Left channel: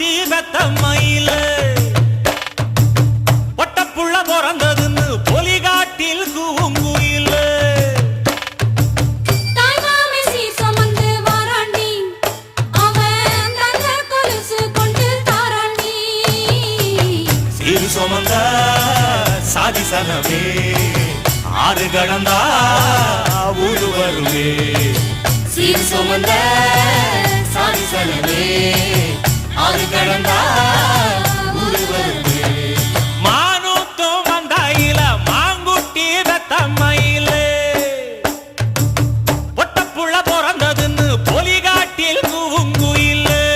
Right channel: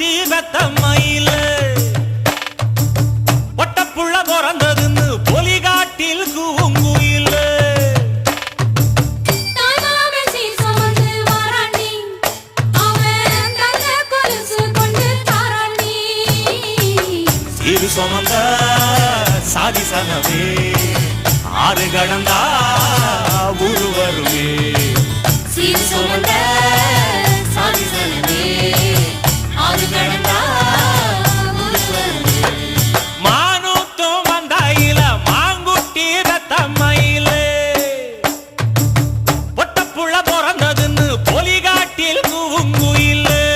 குட்டி வெத்த மயில ஒட்டப்புள்ள பிறந்ததுன்னு பொலிகாட்டில் கூங்குயில சிறு சுமந்த சாதி சனமே ஆறு கடந்தா ஊரு வருமே சிறு சுமந்த சாதி சனமே